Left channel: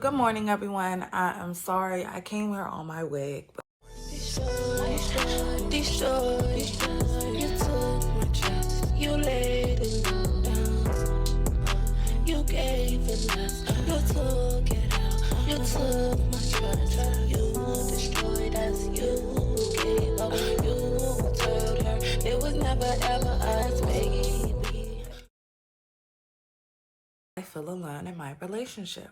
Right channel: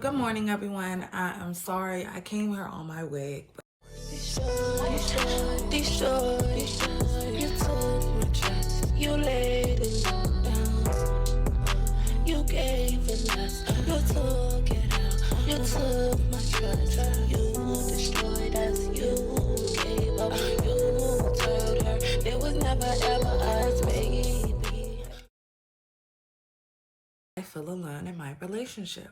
good morning, everyone. I'm sorry I came here on my wig. Destroy. You took my trust. You laid it down. You gave it less. You took it out. You took my trust. You destroyed us. You gave up. You told her it was never ever us, baby. I feel alone in my relationship.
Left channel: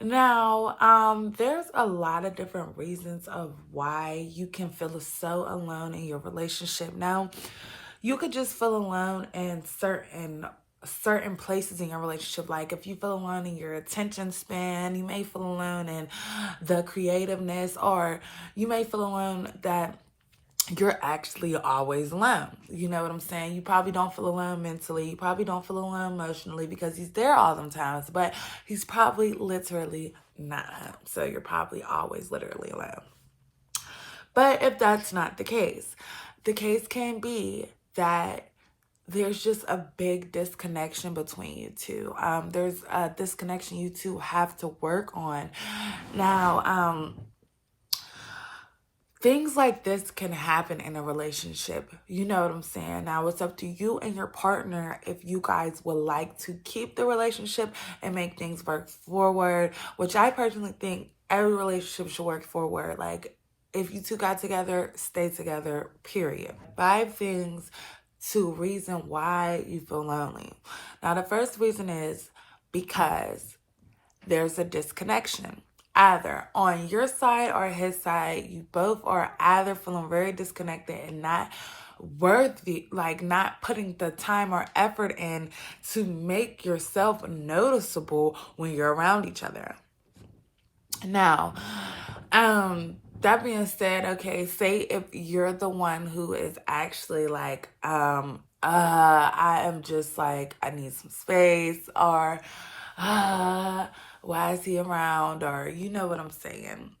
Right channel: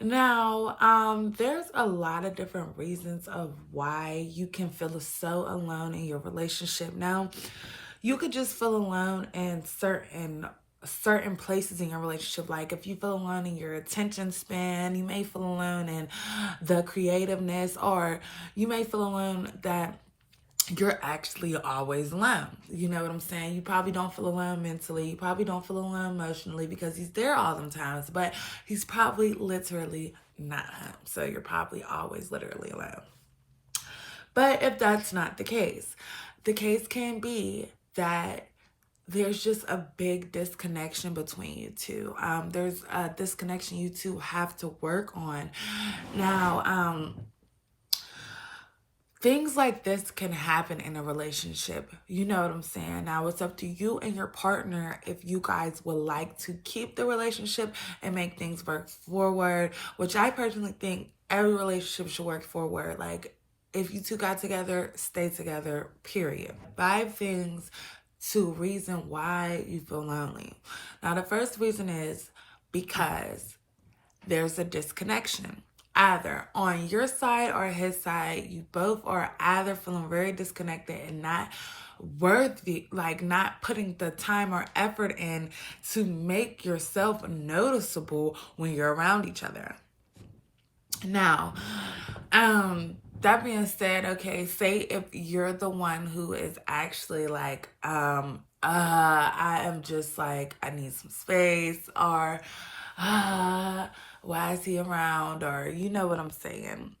Now, there's a lot of different reasons of why you can feel so alone in your relationship. Now, you could just feel alone in certain places in your relationship. Like if you feel alone in your attention span, you may feel alone in the creativeness, or you may feel alone that you're actually always alone. You know what I'm saying? You probably don't feel alone mentally. You probably don't feel alone emotionally because he's there all them times, but he's probably literally not home. So you're probably always literally alone. But if that's not the case can be that there's just a big disconnection between you two. There's a disconnection you two have to work on. Now, things like this can happen in a relationship. You know what I'm saying? Now, it's up to you and your partner if you guys would like to keep the relationship and make things work forward, which I personally think every relationship should work forward. Like, if you two got together, stay together, period. 5 things to reason why you feel lonely. Now, the first reason is because there's a disconnection. Either on your side or his side, you both are either feeling very disconnected and not worthy, like not putting the time or effort in to make yourself noticeable when you're around each other. Now, that being said, okay, say if you're the one who is actually like, I am just like, I need some space, or why is he around, or you know what I'm saying.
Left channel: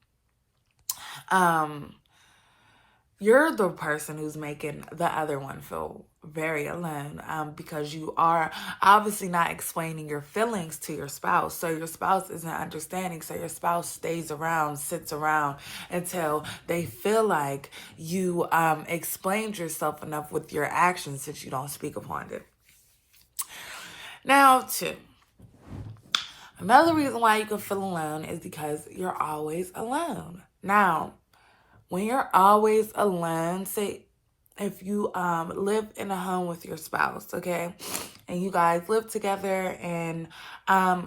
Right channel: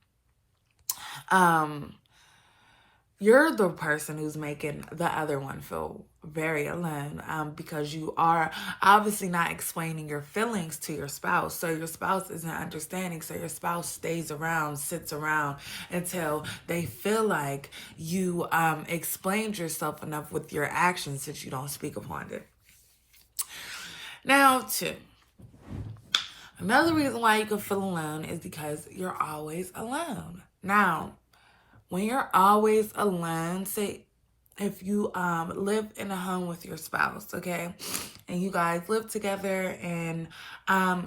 You're the person who's making the other one feel very alone, because you are obviously not explaining your feelings to your spouse. So your spouse isn't understanding. So your spouse stays around, sits around until they feel like you explained yourself enough with your actions that you don't speak upon it. Now, another reason why you can feel alone is because you're always alone. Now, when you're always alone, say if you live in a home with your spouse, okay, and you guys live together and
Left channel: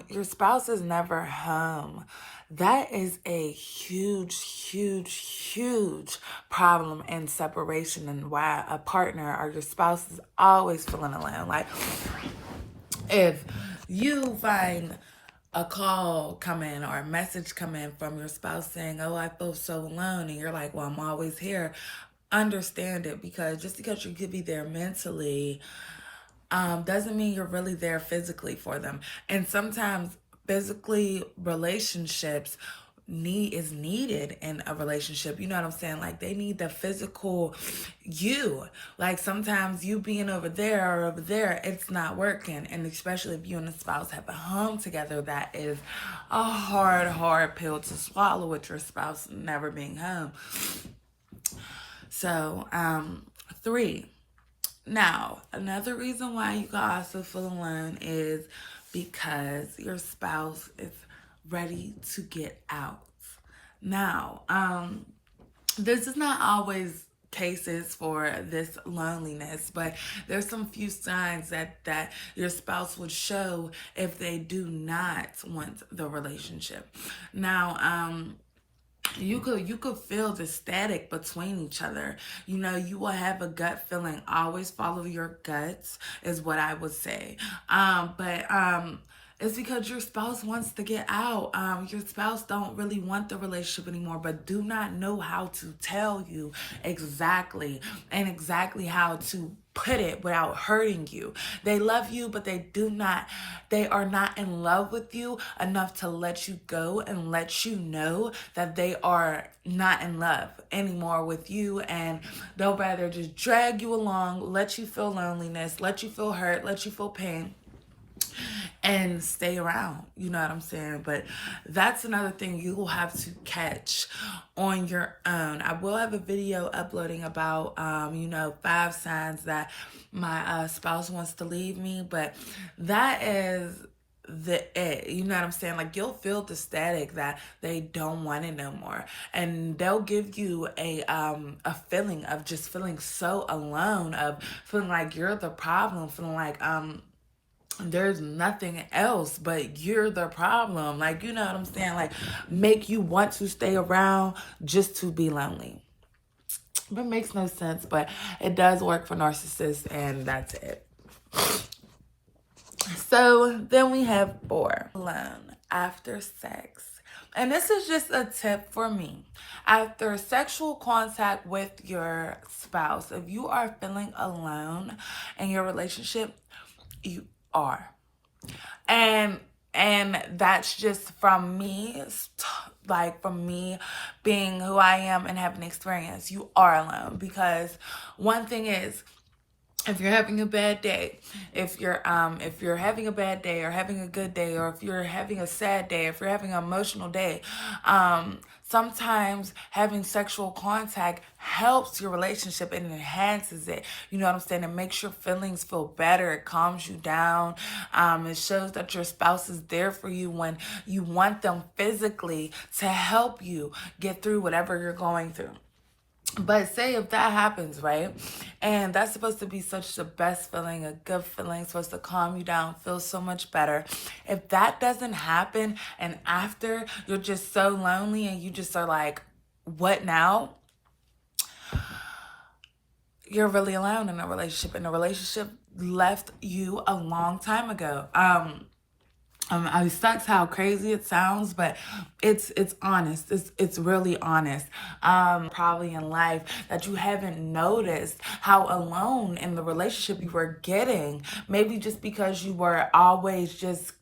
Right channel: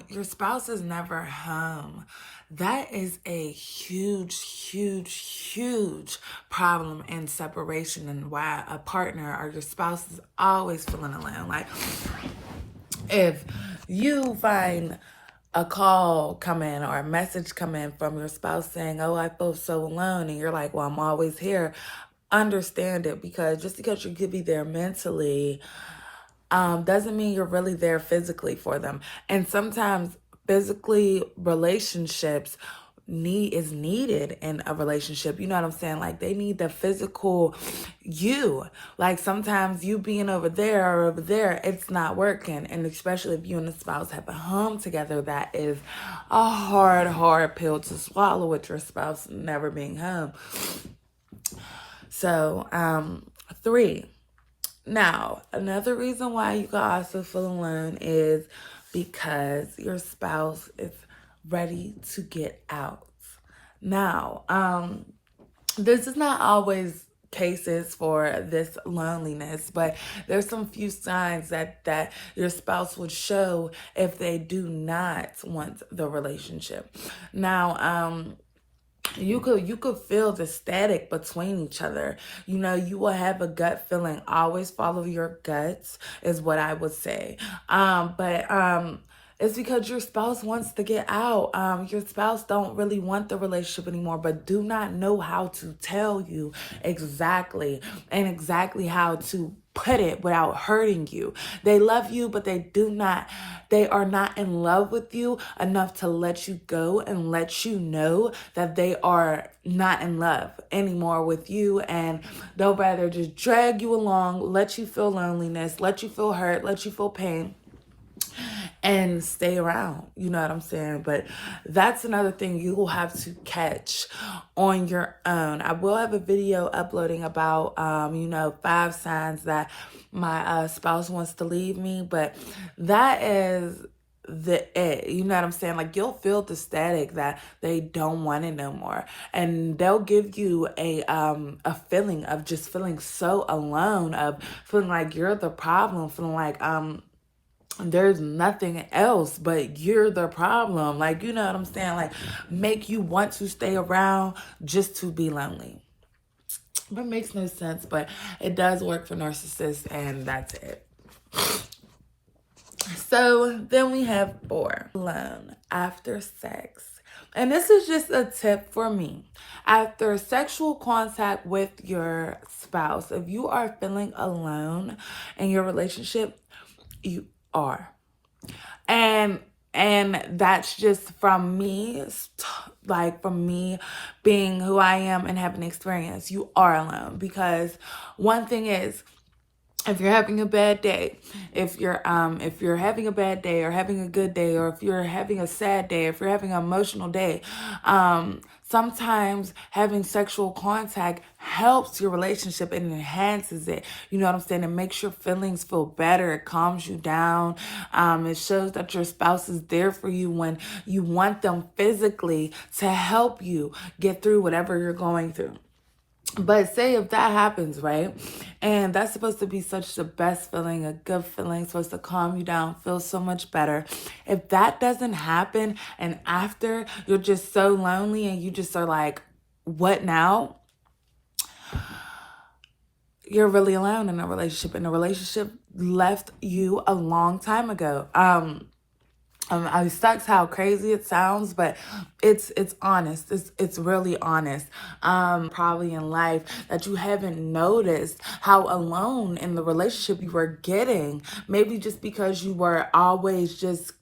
your spouse is never home, that is a huge problem in separation, and why a partner or your spouse is always feeling alone. Like if you find a call come in or a message come in from your spouse saying, "Oh, I feel so alone," and you're like, "Well, I'm always here," understand it, because just because you could be there mentally doesn't mean you're really there physically for them. And sometimes physically relationships is needed in a relationship. You know what I'm saying? Like they need the physical you. Like sometimes you being over there or over there, it's not working. And especially if you and the spouse have a home together, that is a hard pill to swallow with your spouse never being home. So, 3. Now, another reason why you can also feel alone is because your spouse is ready to get out. Now, this is not always cases for this loneliness, but there's some few signs that your spouse would show if they do not want the relationship. Now, you could feel the static between each other. You know, you will have a gut feeling. Always follow your guts is what I would say. But it's because your spouse wants to get out. Your spouse don't really want the relationship anymore, but do not know how to tell you exactly how to put it without hurting you. They love you, but they are not in love with you enough to let you go and let you know that they are not in love anymore with you, and they'll rather just drag you along, let you feel loneliness, let you feel hurt, let you feel pain, and stay around. You know what I'm saying? But that's another thing you will have to catch on your own. I will have a video uploading about, 5 signs that my spouse wants to leave me, but that is you know what I'm saying? Like, you'll feel the static that they don't want it no more, and they'll give you a feeling of just feeling so alone, of feeling like you're the problem, feeling like there's nothing else but you're the problem. Like, you know what I'm saying? Like, make you want to stay around just to be lonely. But it makes no sense, but it does work for narcissists, and that's it. So then we have 4, alone after sex. And this is just a tip for me. After sexual contact with your spouse, if you are feeling alone in your relationship, you are. And that's just from me, like from me being who I am and having experience. You are alone, because one thing is, if you're having a bad day, if you're having a bad day or having a good day, or if you're having a sad day, if you're having an emotional day, sometimes having sexual contact helps your relationship and enhances it. You know what I'm saying? It makes your feelings feel better. It calms you down. It shows that your spouse is there for you when you want them physically to help you get through whatever you're going through. But say if that happens, right? And that's supposed to be such the best feeling, a good feeling, supposed to calm you down, feel so much better. If that doesn't happen, and after you're just so lonely and you just are like, what now? You're really alone in a relationship, and the relationship left you a long time ago. It sucks how crazy it sounds, but it's honest. It's really honest. Probably in life that you haven't noticed how alone in the relationship you were getting. Maybe just because you were always just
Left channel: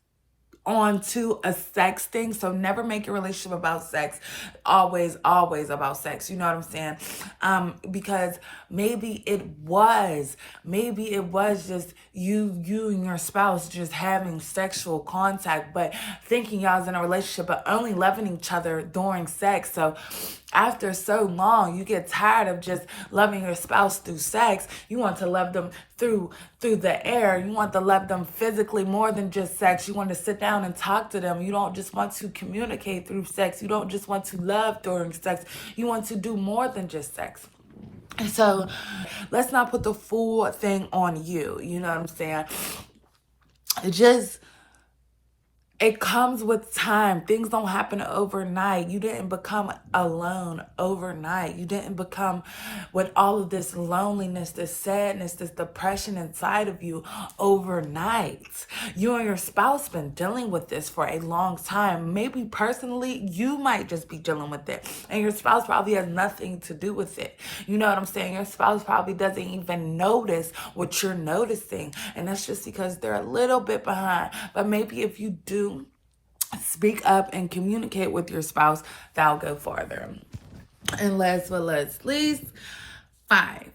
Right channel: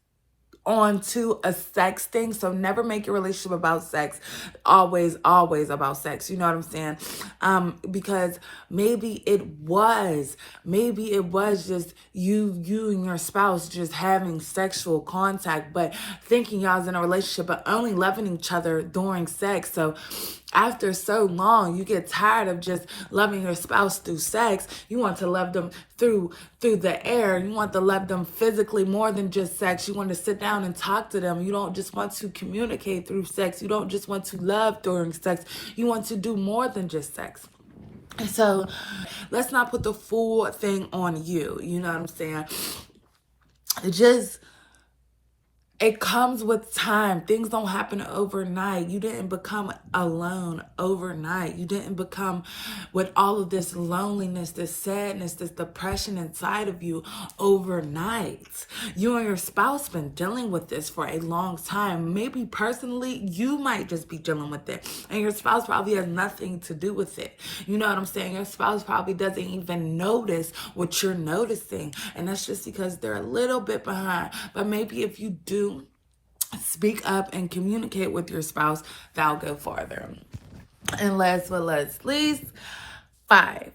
onto a sex thing. So never make your relationship about sex. Always about sex. You know what I'm saying? Because maybe it was just you and your spouse just having sexual contact, but thinking y'all's in a relationship, but only loving each other during sex. So after so long, you get tired of just loving your spouse through sex. You want to love them through the air. You want to love them physically more than just sex. You want to sit down and talk to them. You don't just want to communicate through sex. You don't just want to love during sex. You want to do more than just sex. And so let's not put the full thing on you. You know what I'm saying? It comes with time. Things don't happen overnight. You didn't become alone overnight. You didn't become with all of this loneliness, this sadness, this depression inside of you overnight. You and your spouse been dealing with this for a long time. Maybe personally, you might just be dealing with it, and your spouse probably has nothing to do with it. You know what I'm saying? Your spouse probably doesn't even notice what you're noticing, and that's just because they're a little bit behind. But maybe if you do speak up and communicate with your spouse, that'll go farther. And last but not least, 5,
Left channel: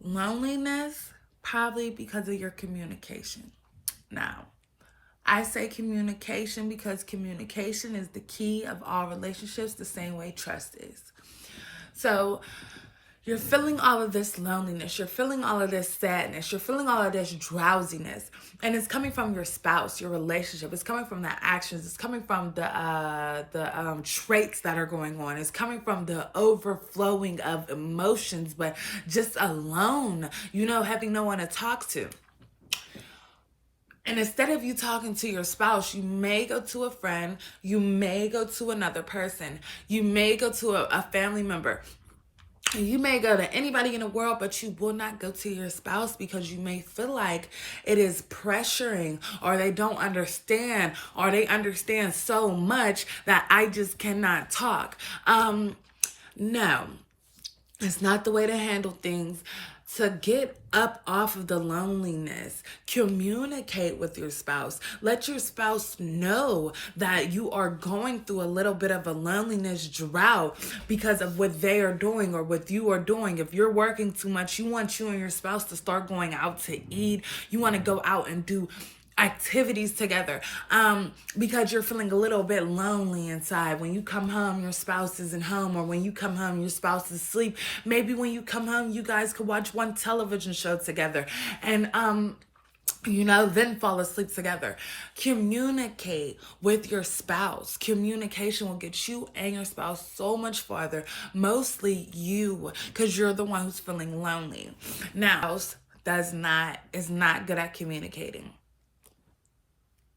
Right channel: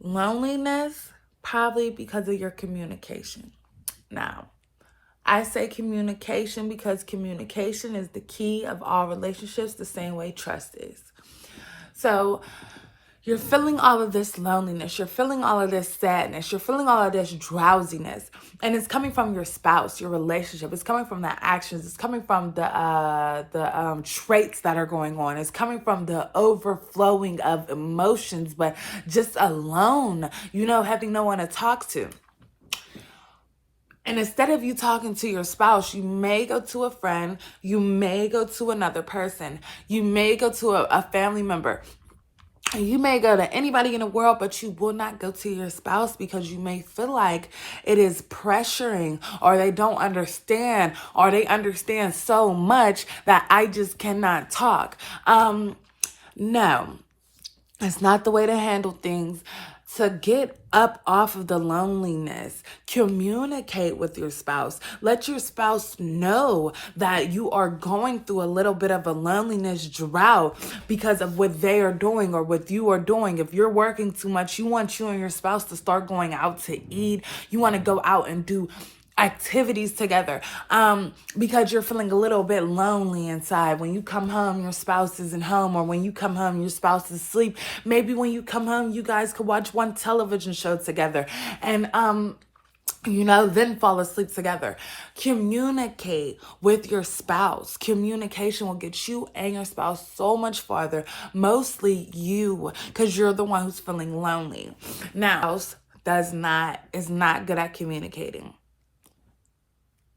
loneliness, probably because of your communication. Now, I say communication because communication is the key of all relationships, the same way trust is. So you're feeling all of this loneliness, you're feeling all of this sadness, you're feeling all of this drowsiness, and it's coming from your spouse, your relationship. It's coming from the actions. It's coming from the traits that are going on. It's coming from the overflowing of emotions, but just alone, having no one to talk to. And instead of you talking to your spouse, you may go to a friend, you may go to another person, you may go to a family member. You may go to anybody in the world, but you will not go to your spouse because you may feel like it is pressuring, or they don't understand, or they understand so much that I just cannot talk. No, it's not the way to handle things. To get up off of the loneliness, communicate with your spouse. Let your spouse know that you are going through a little bit of a loneliness drought because of what they are doing or what you are doing. If you're working too much, you want you and your spouse to start going out to eat. You want to go out and do activities together, because you're feeling a little bit lonely inside. When you come home, your spouse isn't home, or when you come home, your spouse is asleep. Maybe when you come home, you guys could watch one television show together, and then fall asleep together. Communicate with your spouse. Communication will get you and your spouse so much farther, mostly you, because you're the one who's feeling lonely. Now, is not good at communicating.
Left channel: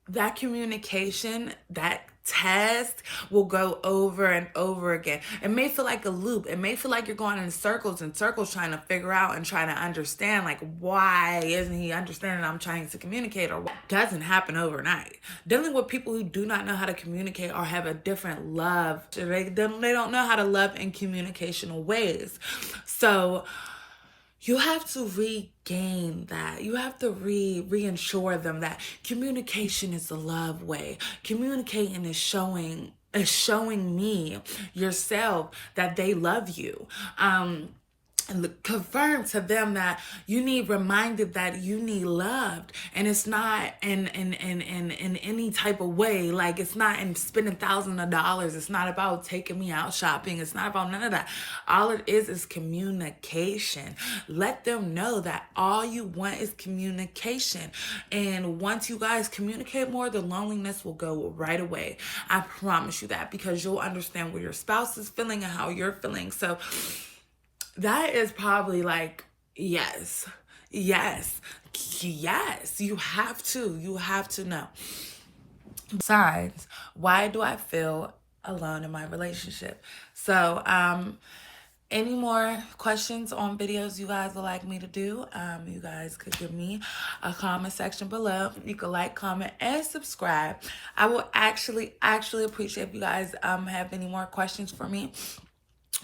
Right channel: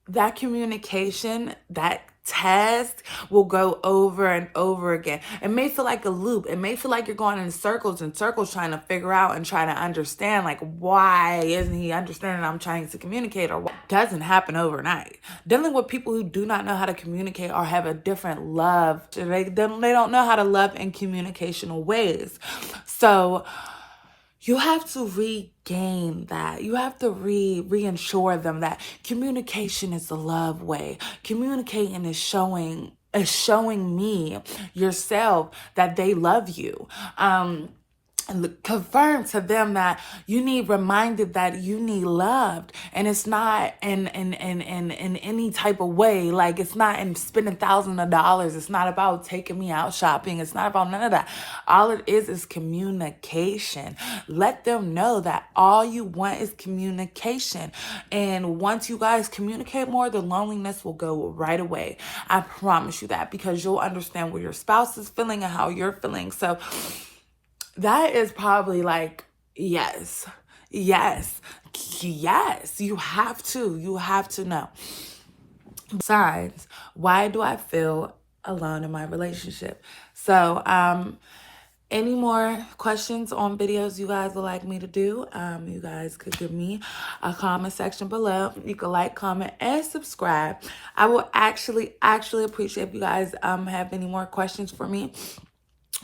That communication, that task will go over and over again. It may feel like a loop. It may feel like you're going in circles and circles trying to figure out and trying to understand, like, why isn't he understanding I'm trying to communicate, or what doesn't happen overnight. Dealing with people who do not know how to communicate or have a different love, they don't know how to love in communicational ways. So you have to regain that. You have to reassure them that communication is the love way. Communicating is showing me, yourself, that they love you. And confirm to them that you need reminded that you need loved, and it's not in any type of way. Like, it's not in spending thousands of dollars. It's not about taking me out shopping. It's not about none of that. All it is communication. Let them know that all you want is communication. And once you guys communicate more, the loneliness will go right away. I promise you that, because you'll understand where your spouse is feeling and how you're feeling. So that is probably like, yes. You have to know. Besides, why do I feel alone in my relationship? So, any more questions on videos you guys would like me to do, you guys could give me a comment section below. You can like, comment, and subscribe. I will actually appreciate if you guys have any more questions for me.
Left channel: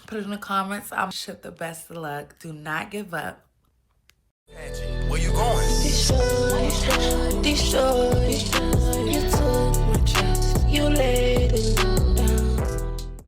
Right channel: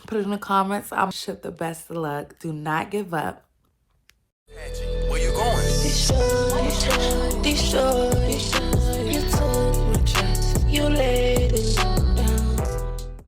Put it in the comments. I'm sure the best of luck. Do not give up. Where you going? Destroy.